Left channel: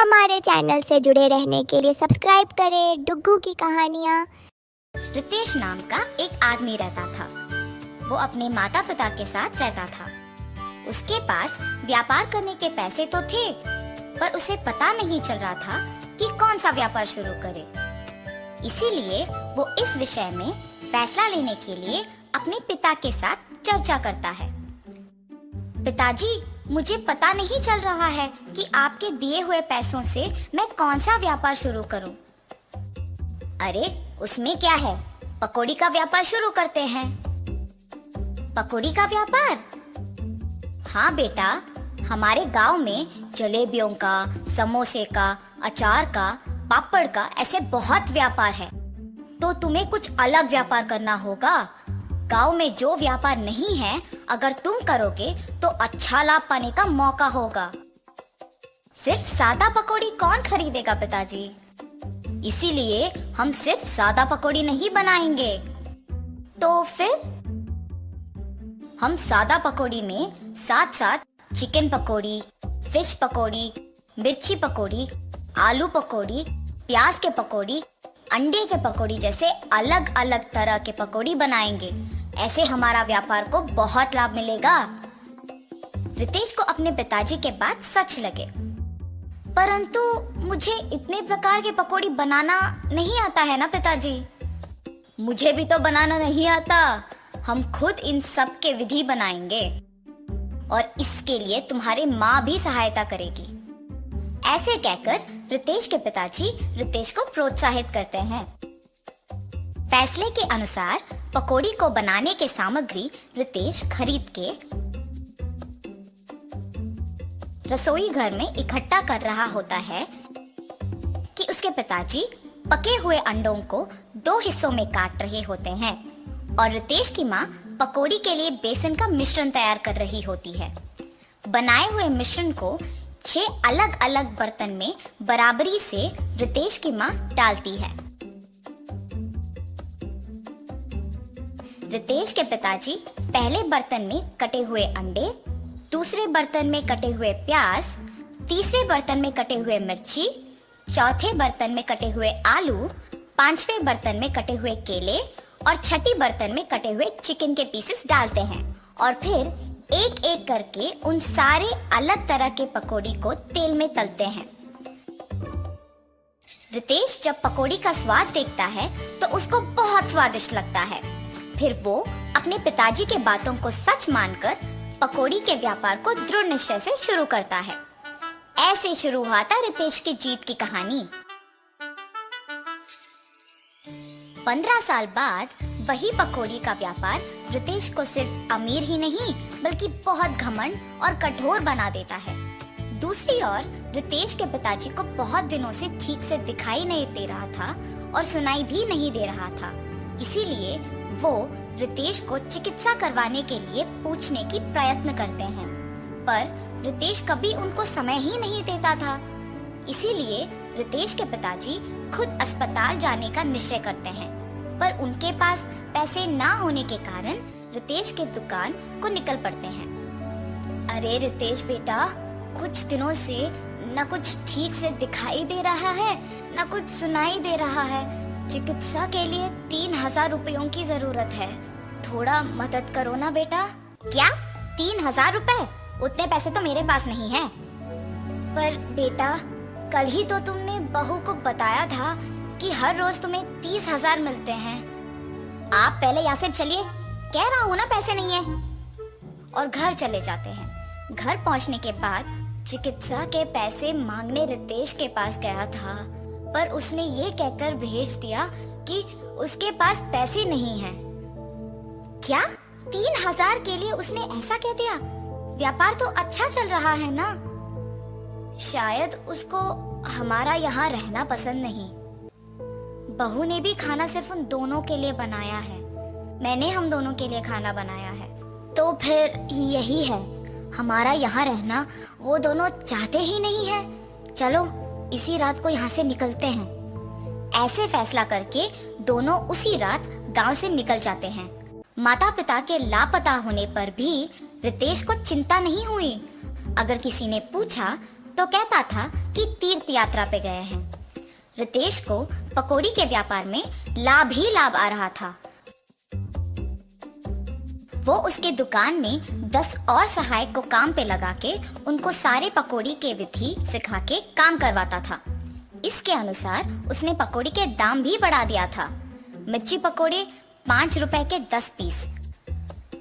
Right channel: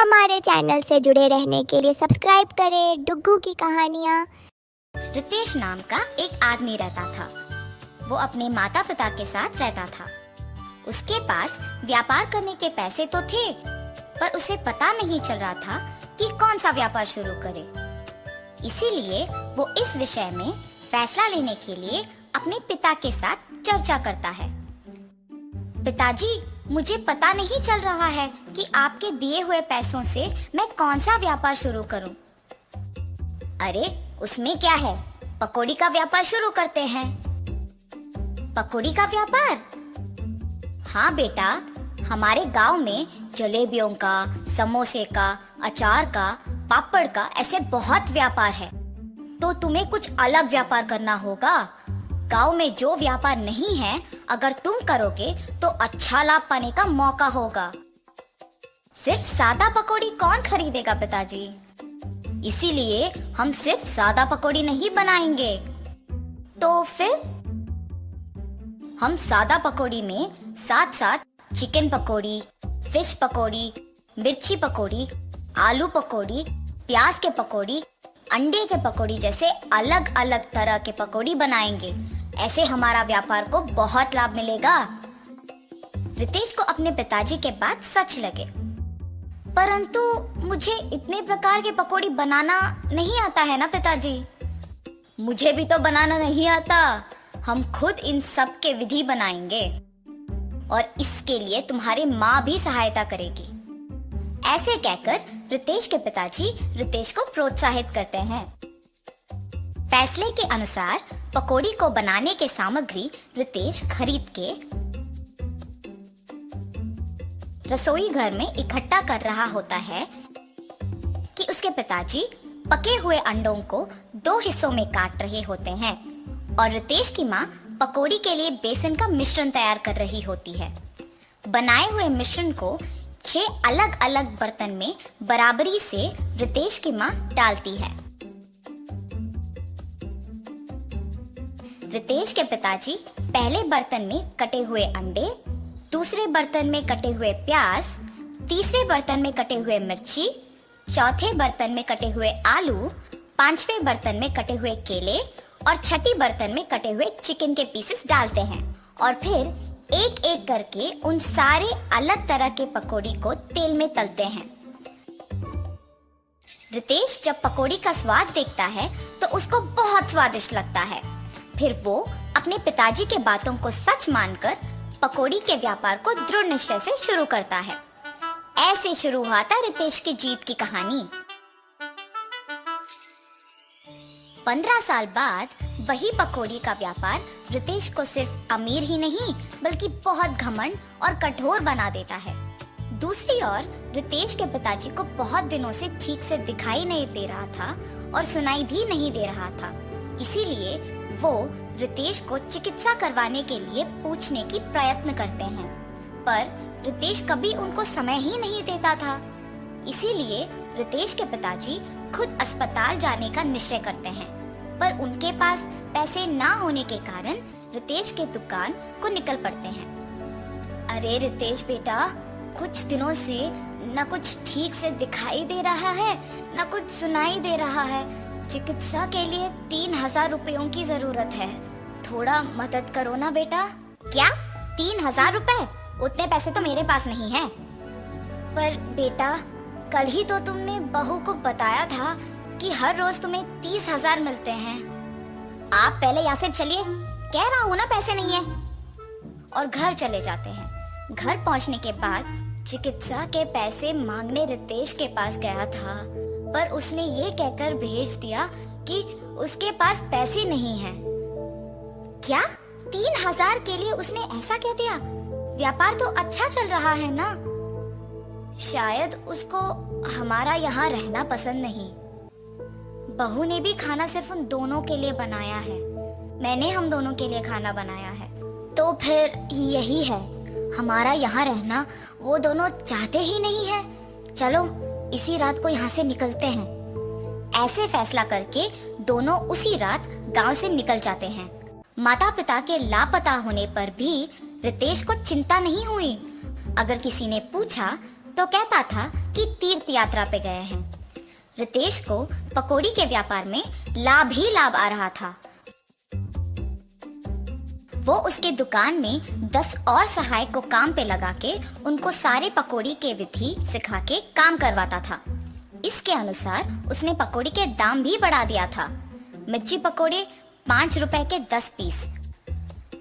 हमारे चैनल से जुड़े रहने के लिए सब्सक्राइब करें डुग्गू की कहानियाँ। रितेश नाम का एक आदमी रहता था। वो अपने माता पिता के साथ रहता था। उसके पास व्यापार करने के पैसे तो थे, पर उसे पता नहीं चल रहा था कि कौन सा व्यापार शुरू करे। इसीलिए वो इस विषय में फैसला लेने के लिए अपने पिता के साथ चर्चा करता है। पिताजी, मुझे पता नहीं चल रहा है कि आपके दिए हुए पैसों से मैं कौन सा व्यापार शुरू करूं। अरे, उसमें क्या है, पकौड़ी का व्यापार शुरू करते हैं। पकौड़ी का व्यापार? हाँ बेटा, हमारे गांव में जलेबियों का, समोसे का, अचार का, पापड़ का ऐसे बहुत व्यापार है। तो तुम्हें कुछ अलग व्यापार करना होगा। गांव में जो व्यापार नहीं है, अगर तुम करोगे तो अच्छा लाभ पाने का मौका होगा। सिर्फ सादा पकौड़ी कौन खरीदेगा पिताजी? इसीलिए हम सिर्फ सादा पकौड़ी नहीं बनाएंगे। तो फिर हम सादा पकौड़ी में साथ साथ चिकन पकौड़ी, फिश पकौड़ी, मिर्ची पकौड़ी, आलू पकौड़ी, प्याज के पकौड़ी, अंडे के पकौड़ी जैसे अलग अलग तरह के पकौड़ी बनाएंगे। ऐसे हमारा व्यापार को बहुत लाभ मिलेगा। रितेश को अपने पिताजी के बात सच लगे, परंतु मुझे इतने प्रकार के पकौड़ी बनाना नहीं आता है ना पिताजी। मुझे भी तो बनाना नहीं आता। हम खुद इन सब के विधि बनाएंगे और इसके लिए तुम्हारी माँ भी सहायता करेगी। ऐसे कहकर रितेश के पिताजी रितेश को प्रोत्साहित करते हैं। फैसले के अनुसार पकौड़ी को बनाने के सामग्री रितेश खरीद के रसोई घर में इकट्ठा कर रहा होता है कि उसके पिताजी पके हुए अंडों को 2 हिस्सों में काट रहे होते हैं और रितेश की माँ पकौड़ी के लिए बेसन का मिश्रण तैयार कर रही होती है। बनाए हुए मिश्रण को 6 अलग अलग बर्तन में बराबरी से रितेश की माँ डालती है। रितेश के पिताजी पहले बर्तन में कटे हुए अंडे, दूसरे बर्तन में कटे हुए प्याज, तीसरे बर्तन में कटे हुए मिर्ची, चौथे बर्तन में कटे हुए आलू, 5वें बर्तन में कटे हुए केले और छठी बर्तन में कटे हुए चिकन के पीसेस डालते हैं और फिर एक एक करके उन सारे अलग तरह के पकौड़ी को तेल में तलते हैं। रितेश जब पकौड़ी का स्वाद देखता है तो उसको बहुत स्वादिष्ट लगता है। फिर वो अपने पिताजी के बातों को सच मानकर पकौड़ी के व्यापार को दृढ़ निश्चय से शुरू करता है। ऐसे शुरू हुआ था रितेश की जीत की कहानी। 15 साल बाद वही पकौड़ी का व्यापार रितेश को सिर्फ अमीर ही नहीं बल्कि बहुत घमंड और कठोर बना देता है। दूसरी ओर रितेश के पिताजी को बहुत दिनों से ठीक से दिखाई नहीं दे रहा था और सुनाई भी नहीं दे रहा था। इसीलिए वो रितेश को चिकित्सा करवाने के लिए पूछने की प्रयत्न करते हैं, पर रितेश कभी उनको समय ही नहीं देता था। इसीलिए रितेश के पिताजी खुद अस्पताल जाने का निश्चय करते हैं, पर उनके पास पैसे ना होने के कारण रितेश की दुकान को निकल पड़ते हैं। अरे रितेश बेटा, कुछ दिनों से न कुछ ठीक से दिखाई दे रहा है, न कुछ सुनाई दे रहा है। चिकित्सा के लिए 3000 रुपयों की जरूरत है। थोड़ा मदद करो ना बेटा। क्या 3000 रुपए? उतने पैसे तो मेरे पास नहीं है। पर बेटा, कल ही तो तुमने बहू को बताया था कि हर रोज तुम्हें 30,000 मिलते हैं। आप पहले यहाँ से चलिए, कह रहा हूँ ना पैसे नहीं है। और घर चले जाते हैं। घर पहुँचने के बाद चिकित्सा के पैसे मांगने रितेश के पास गया था, पर उसने ये कहकर भेज दिया कि उसके पास पैसे नहीं है। क्या 3000 के लिए उसने ऐसा कह दिया? व्यापार तो अच्छा चल रहा है ना। शायद उसको हमारा यहाँ रहना पसंद नहीं। बहू ने भी खाना सिर्फ उन दोनों के लिए बनाया है। मैंने हम दोनों के लिए खाना बनाया है। तो फिर यही है, हमारा यहाँ रहना वो दोनों चाहते ही नहीं है। चलो इसी रात को यहाँ से निकलते हैं। ऐसे फैसला करके दोनों उसी रात गांव से निकल जाते हैं। माता पिता के लापता होने पर भी रितेश को चिंता नहीं हुई। अगर किसी ने पूछा तो कहता था कि तीर्थ यात्रा पे गए हैं। रितेश को पकौड़ी के व्यापार में लाभ ही लाभ आ रहा था। वो उसके दुकान में 10 और सहायक को काम पे लगा के उनको सारे पकौड़ी के विधि सिखा के काम करवाता था। इसके अनुसार उसने पकौड़ी के दाम भी बढ़ा दिया था। मिर्ची पकौड़े 5 रुपए के 10 पीस,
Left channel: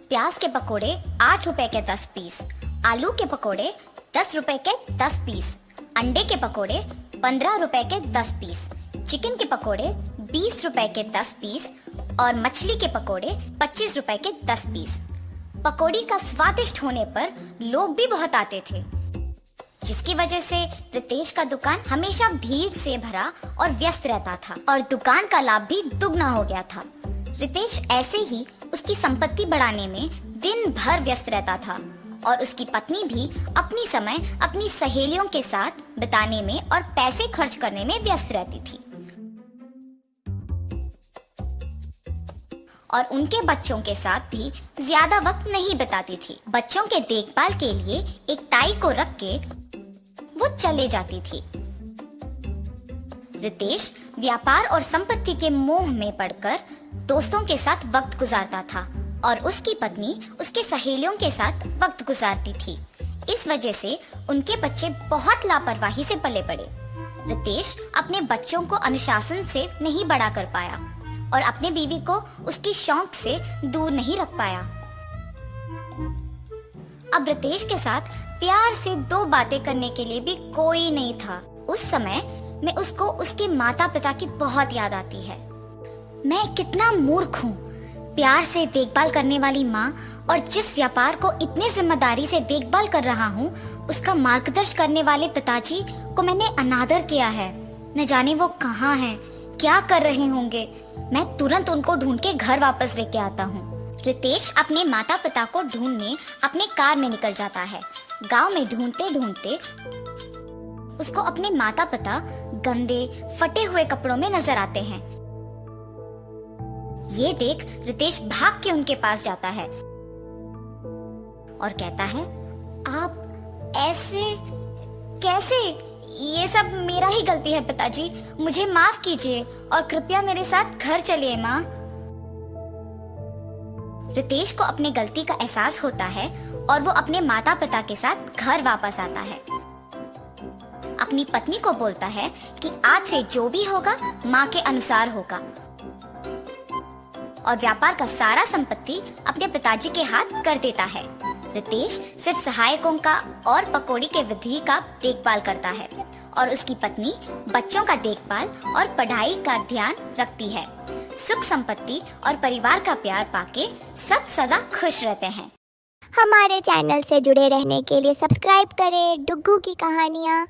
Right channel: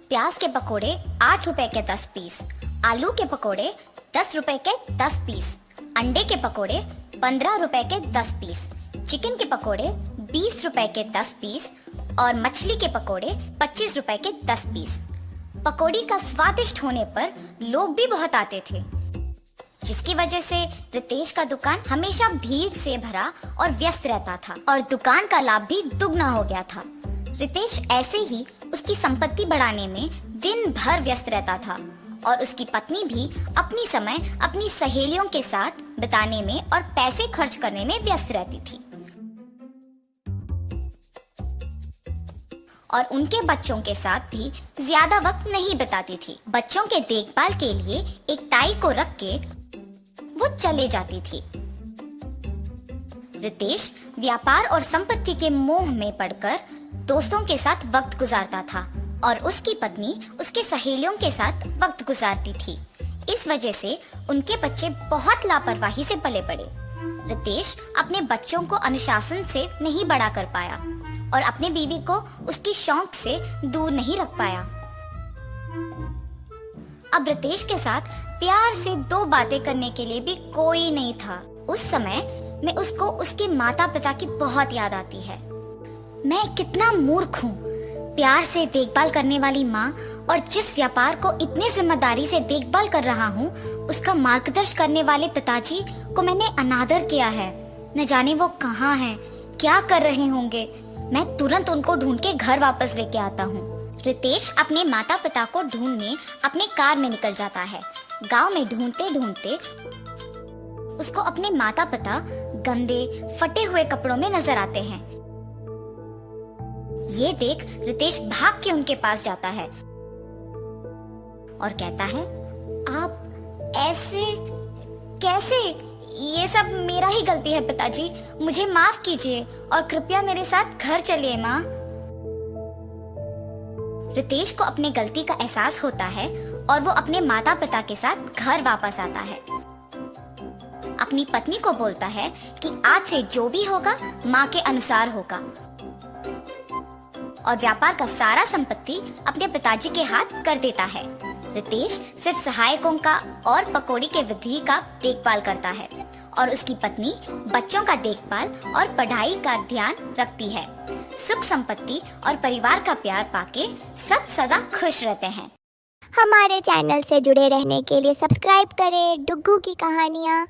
प्याज के पकौड़े 8 रुपए के 10 पीस, आलू के पकौड़े 10 रुपए के 10 पीस, अंडे के पकौड़े 15 रुपए के 10 पीस, चिकन के पकौड़े 20 रुपए के 10 पीस और मछली के पकौड़े 25 रुपए के 10 पीस। पकौड़ी का स्वादिष्ट होने पर लोग भी बहुत आते थे, जिसकी वजह से रितेश का दुकान हमेशा भीड़ से भरा और व्यस्त रहता था और दुकान का लाभ भी दुगना हो गया था। रितेश ऐसे ही उसकी संपत्ति बढ़ाने में दिन भर व्यस्त रहता था और उसकी पत्नी भी अपनी समय अपनी सहेलियों के साथ बिताने में और पैसे खर्च करने में व्यस्त रहती थी और उनके बच्चों के साथ भी ज्यादा वक्त नहीं बिताती थी। बच्चों के देखभाल के लिए एक ताई को रख के वो चली जाती थी। रितेश व्यापार और संपत्ति के मोह में पड़कर दोस्तों के साथ वक्त गुजारता था और उसकी पत्नी उसकी सहेलियों के साथ वक्त गुजारती थी। इस वजह से उनके बच्चे बहुत लापरवाही से पले बड़े। रितेश अपने बच्चों को अनुशासन से नहीं बड़ा कर पाया और अपने बीवी को उसके शौक से दूर नहीं रख पाया। अब रितेश के साथ प्यार से 2 बातें करने के लिए भी कोई नहीं था। उस समय में उसको उसके माता पिता की बहुत याद आती है। मैं कितना मूर्ख हूँ, प्यार से देखभाल करने वाली माँ और जिस व्यापार को इतने जिम्मेदारी से देखभाल कर रहा हूँ, उसका मार्गदर्शन करने वाले पिताजी को मैंने अनादर किया है। न जाने वो कहाँ हैं, क्या कर रहे होंगे। मैं तुरंत उनको ढूंढ के घर वापस लेके आता हूँ। रितेश अपने माता पिता को ढूंढने अपने कार में निकल जाता है। गांव में ढूंढते ढूंढते उसको अपने माता पिता गंदे फटे हुए कपड़ों में नजर आते हैं। ये देख रितेश भाग के उनके पास जाता है और कहता है, आप ऐसे कैसे? ये सब मेरा ही गलती है पिताजी, मुझे माफ कीजिए और कृपया मेरे साथ घर चलिए माँ। रितेश को अपने गलती का एहसास होता है और वो अपने माता पिता के साथ घर वापस आता है। अपनी पत्नी को बोलता है कि आज से जो भी होगा माँ के अनुसार होगा और व्यापार का सारा संपत्ति अपने पिताजी के हाथ कर देता है। रितेश सिर्फ सहायकों का और पकौड़ी के विधि का देखभाल करता है और उसकी पत्नी बच्चों का देखभाल और पढ़ाई का ध्यान रखती है। सुख संपत्ति और परिवार का प्यार पाके सब सदा खुश रहते हैं। हमारे चैनल से जुड़े रहने के लिए सब्सक्राइब करें डुग्गू की कहानियाँ।